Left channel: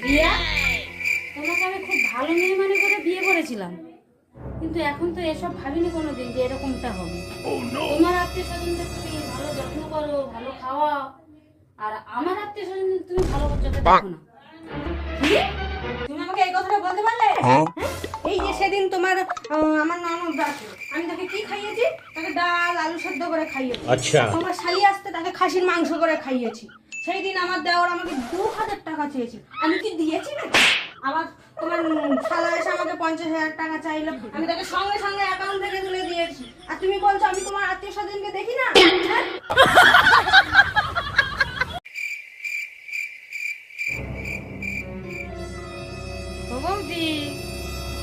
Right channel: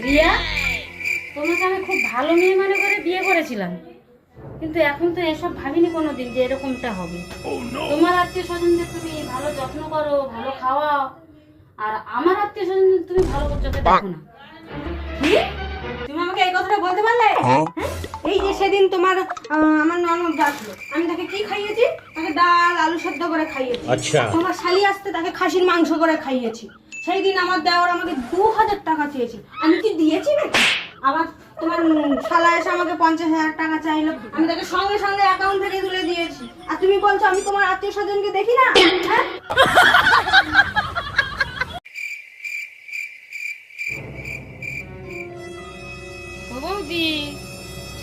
রিয়া তোমাকে আমি খুব ভালো মেয়ে মনে করে বিয়ে করেছিলাম। কিন্তু এখন তো এসব ভাবিনি কোনোদিন যে এরকমটা হবে। তোমার আত্মীয় স্বজনদের তুমি ভালো যত্ন করো ভালো খাওয়াও আর আমার আত্মীয় স্বজনদের তুমি ভালো করছ দেখো না। তুমি আমাকে এই কথাটা বলতে পারলে? হ্যাঁ? এই যে সেদিন তোমার আমার ননদ আসলো আমি তাকে কি খাইয়েছি? তাকে ডাল আলু সেদ্ধ করে খাইয়েছি। আচ্ছা। তোমার শালি আসতে তাকে খাসির মাংস করে খাইয়েছি। সেই দিন আমার দেওয়ার আমাকে দু হাজার টাকা চেয়েছি। আমি কি দিয়েছি আবার তোমার শালা এসে আমাকে পঞ্চাশ হাজার টাকা চাইলো। আমি তাকে সঙ্গে সঙ্গে অ্যাকাউন্ট থেকে তুলে দিয়েছি। আর তুমি বলছো আমি তোমার আত্মীয় স্বজনকে দেখি না? হ্যাঁ?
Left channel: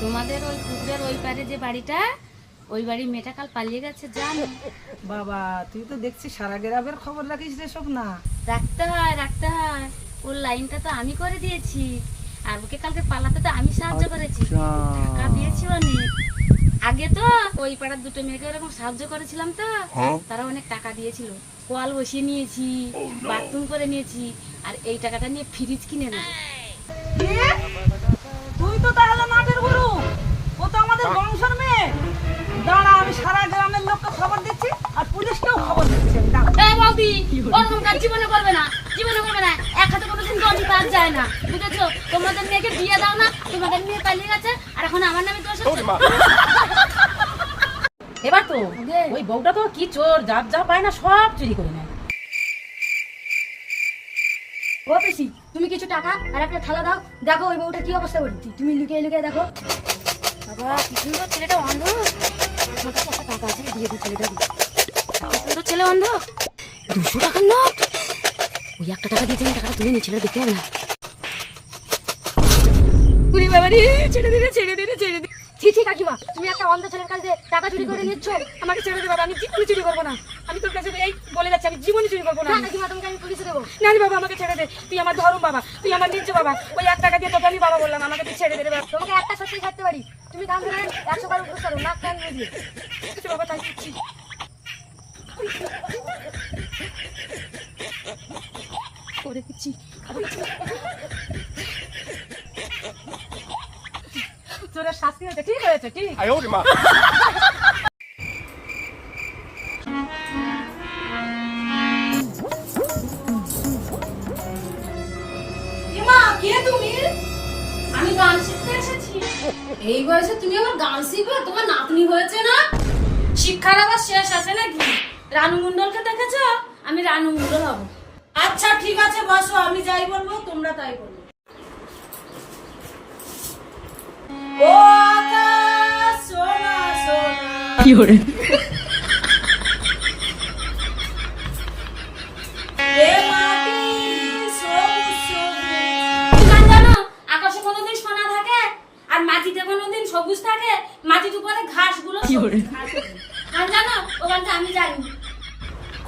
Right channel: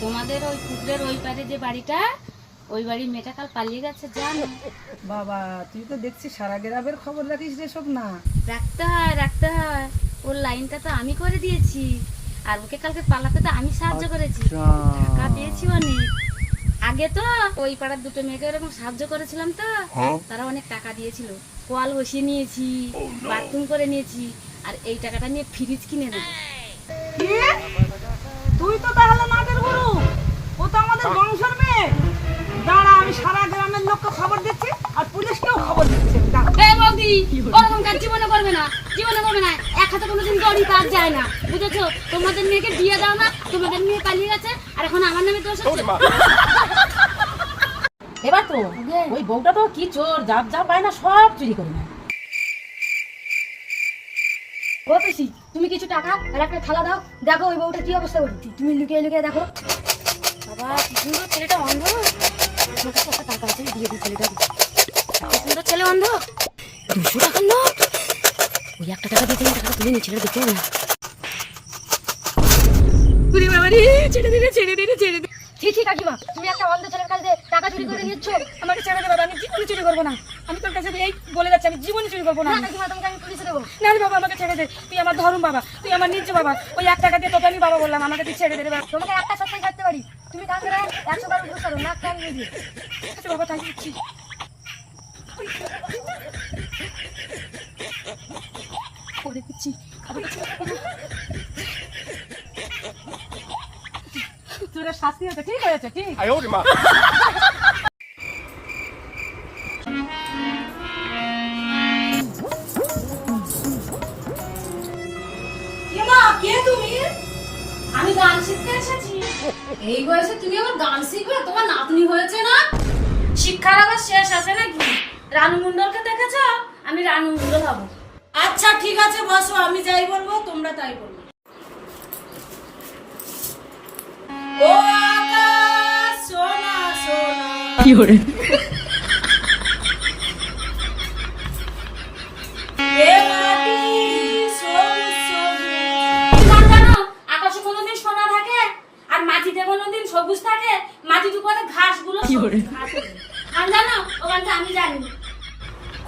তোমাদের ওই পুকুরের ওই পারে যে বাড়িটা? ওই বাড়ি মেয়েটা কাল পালিয়ে গেছে জানো। বাবা তুই তো দেখছি সারা গ্রামের খবর রাখিস রে সব না। রাখতে হয় রাখতে হয় ওর লাইনটা তো আমি করে দিয়েছি। আর ওকে কালকে পালাতে তো আমি সাহায্য করেছি। টাকা দিয়েছি অনেক। আগে তো ওই পাড়ার দুটো মেয়েকে এরকম সাহায্য করেছিলাম তো। তারা অনেক টাকা দিয়েছিল। কল বসিয়ে নিয়েছি বাথরুম করে নিয়েছি আর এই টাকাটা নিয়ে ফ্রিজ কিনে নেব তুই তো তাহলে মাঠের গুরু। ও তো আমাদের বংশের মেয়ে। আমি সারা গ্রামের লোককে খবর দিচ্ছি আর পুলিশকেও খবর দিচ্ছি। এই বৌদি ওরকম কাজ জীবনে করবে না জীবনে করবে না। এক হাতে কোনোদিন গড়ি পার যায় না বুঝেছ? তোমাদের মেয়েকে বিয়ে দাও না তোমাদের মেয়ে পালিয়ে গেছে আর এখন আমার নামে দোষ এবার তো ওই বউটা তো কি চোর যার যা পায় না সব চুরি করে নেয়। ও পিসি তুমি কিছু টাকা আর একটা থালা দাও। দেখো ওই বউটা কি অবস্থা করছি। তুমি লুকিয়ে লুকিয়ে দেখো। বাবা কি সুন্দর ছেলেটা অন্ধ। কাছে একটা টাকা আছে দিয়ে দিই ছেলেটা ছেলে অন্ধ দুশো টাকার ওই একটা টাকা দিয়ে তিন টাকাটা তুলে নিই ছেলেটা দেখতে ছেড়ে দিলে ছেড়ে দিলে ছেড়ে দিলে ছি ছি কাকিমা তুমি একটা অন্ধ ছেলের কাছে টাকা চুরি করে নিচ্ছ আমাকে ছেড়ে দে বাবা আমি জীবনে চুরি করব না আমি তোর কাছে এই বলে যাচ্ছি আমি জীবনে চুরি করব না কাকিমা তোমাকে আমি পুলিশে দেবো না রে বাবা আমাকে ছেড়ে দে তুই আমার ধরম বাবা তুই আমার নিজ বাবা ওই এক টাকা দিয়ে তোকে বাবা বললাম আমাকে ছেড়ে দে রে বাবা তোমাকে একটা সত্যি থাকতে পারি তুমি কান ধরে একশো বার উপরে করো নাক কান আছে বাবা তাই দিচ্ছি করে দিচ্ছি তোরা শাস্তি হয়েছে। কি হয়েছে ঠিক এই বয়সে তুমি আমার গান শিখবে? তোমার নাতনি হয়েছে না? শিক্ষার আবার শেষ আছে নাকি? রানু মন্ডলকে দেখেছ? আমি রানু মন্ডল হব। আচ্ছা ঠিক আছে, বসো, আমি যাই বলব, তোমরা তাই বলব। ও সোনা সোনা। এ মাটির উপরে ঘাসগুলো। গান জানো ও আমি জানি।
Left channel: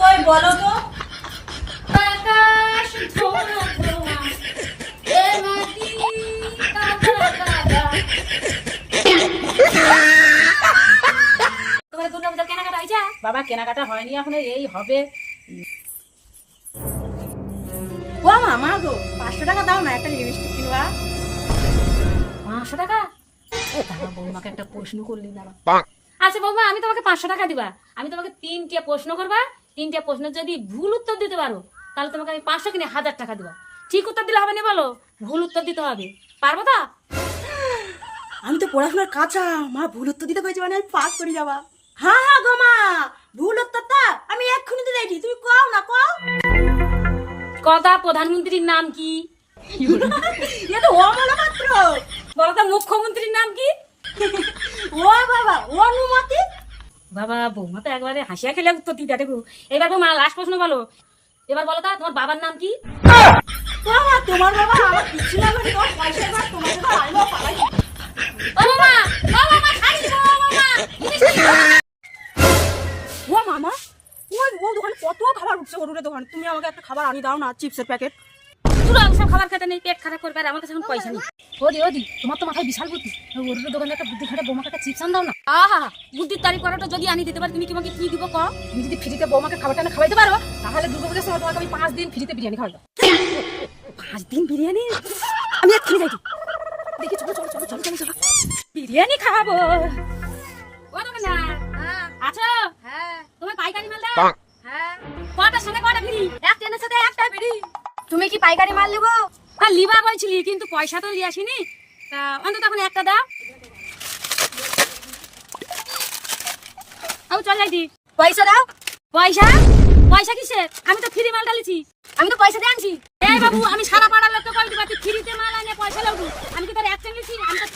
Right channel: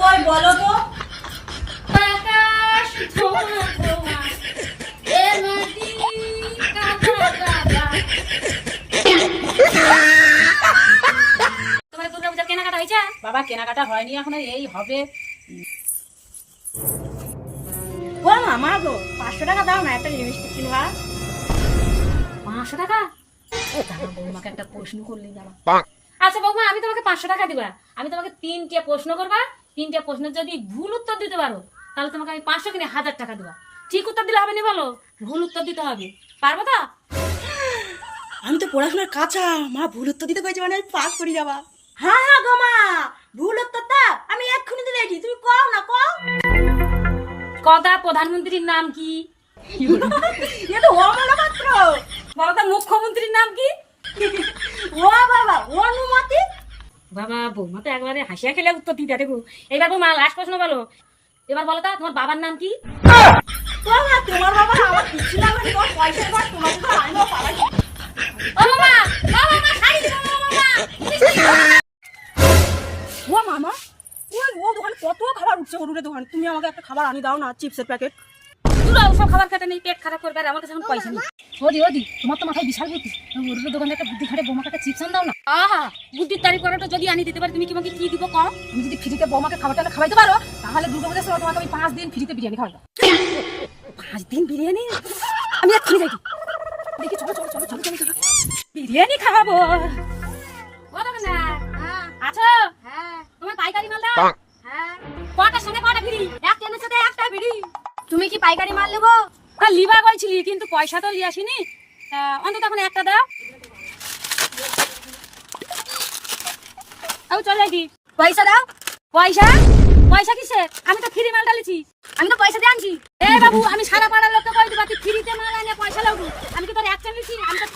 কই বলো তো? আকাশ এ। তোমার দুর্গা পূজার কেনাকাটা হয়েছে? বাবা কেনাকাটা হয়নি এখন এই হবে। ও মা মা গো পাঁচশো টাকা দাও না একটা লিপস্টিক কিনবা। পাঁচশো টাকা? বৌমাকে একটা প্রশ্ন করলি দাঁড়া। আচ্ছা বৌমা আমি তোমাকে পাঁচশো টাকা দিবা। আমি তোমাকে তিনটে প্রশ্ন করবা। তিনটে প্রশ্নের যদি ভুল উত্তর দিতে পারো তাহলে তোমাকে আমি পাঁচশো কিনে হাজার টাকা দিবা। ঠিক উত্তর দিলে হবে না বলো? ভুল উত্তর দিতে হবে। পারব তো? আমি তো পড়াশোনার কাঁচা। মা ভুল উত্তর দিতে কইছে মানে আমি পাস করে যাবা। হ্যাঁ হ্যাঁ গো মা। ভুল উত্তরটা আমি এক্ষুনি দিতে দিই তুমি কও না কও। কথা প্রধানমন্ত্রীর নাম কি? মুখ্যমন্ত্রীর নাম কি? ও বাবা, অনুমতি? বাবা, বৌমা তো একবারে হাসিয়া খেলে উত্তর দিতে দেবো এবার বৌমা লাস্ট প্রশ্ন বলো। এবার বলো তো, তোমার বাবার নাম কি? বাবা, তোমার বাবা আমার ও মামা, ও ও দোকানে কত খাবার উঠছে গরুরের দোকান। তুমি আমাকে একটা খাবার আনি দাও না, চিপসের প্যাকেট। ওসব খাবার খেতে নেই পেট খারাপ করবে আর আমার কাছে এখন পয়সা নেই। ওদি ওদি তোমার তো মাথায় বিশাল বুদ্ধি। ওর দোকানে একটা বুদ্ধি খাটে বোমাকে একটা চিপস দাও না। আহা বুদ্ধির তারিখ করাটা যদি আনি দিতে পারি তুমি কি আমাকে কি দিব কম তুমি যদি ফ্রিতে বৌমাকে খাবারটা খাওয়াইতে পারো তাহলে দুর্গা পূজার সময় তোমাকে আমি পাঁচ দিন ফ্রিতে বিরিয়ানি খাওয়াবো পাঁচ দিন বিরিয়ানি? আমি আমি এক্ষুনি যাই দেখি চলো চলো চলো চলো চলো চলো। বিরিয়ানি খাব। ও না। আছো? হ্যাঁ। তোমার পাইকারি মাল দাও হ্যাঁ। কটার সঙ্গে কটা ফ্রি একটা এনেছে তো একটা ফ্রি তুমি কি পাইকারি মাল নেব? হ্যাঁ লিবা কইছিলি, কিন্তু পয়সা তো নিয়ে আসিনি। তা অন্তত এখন একটা দাও। ও, চল যাই পয়সা দাও। পয়সা? পয়সা কিসে? আমি তো ফ্রি মাল ডালেছি আমি তো পয়সা দিয়ে আনছি। এ বাবু, আমি সারা পাড়ার লোককে কই দিবা, তুই ফ্রিতে মাল আনে, পয়সা লাগবো আমি কি তোর একটা নিয়েছি? আমি তো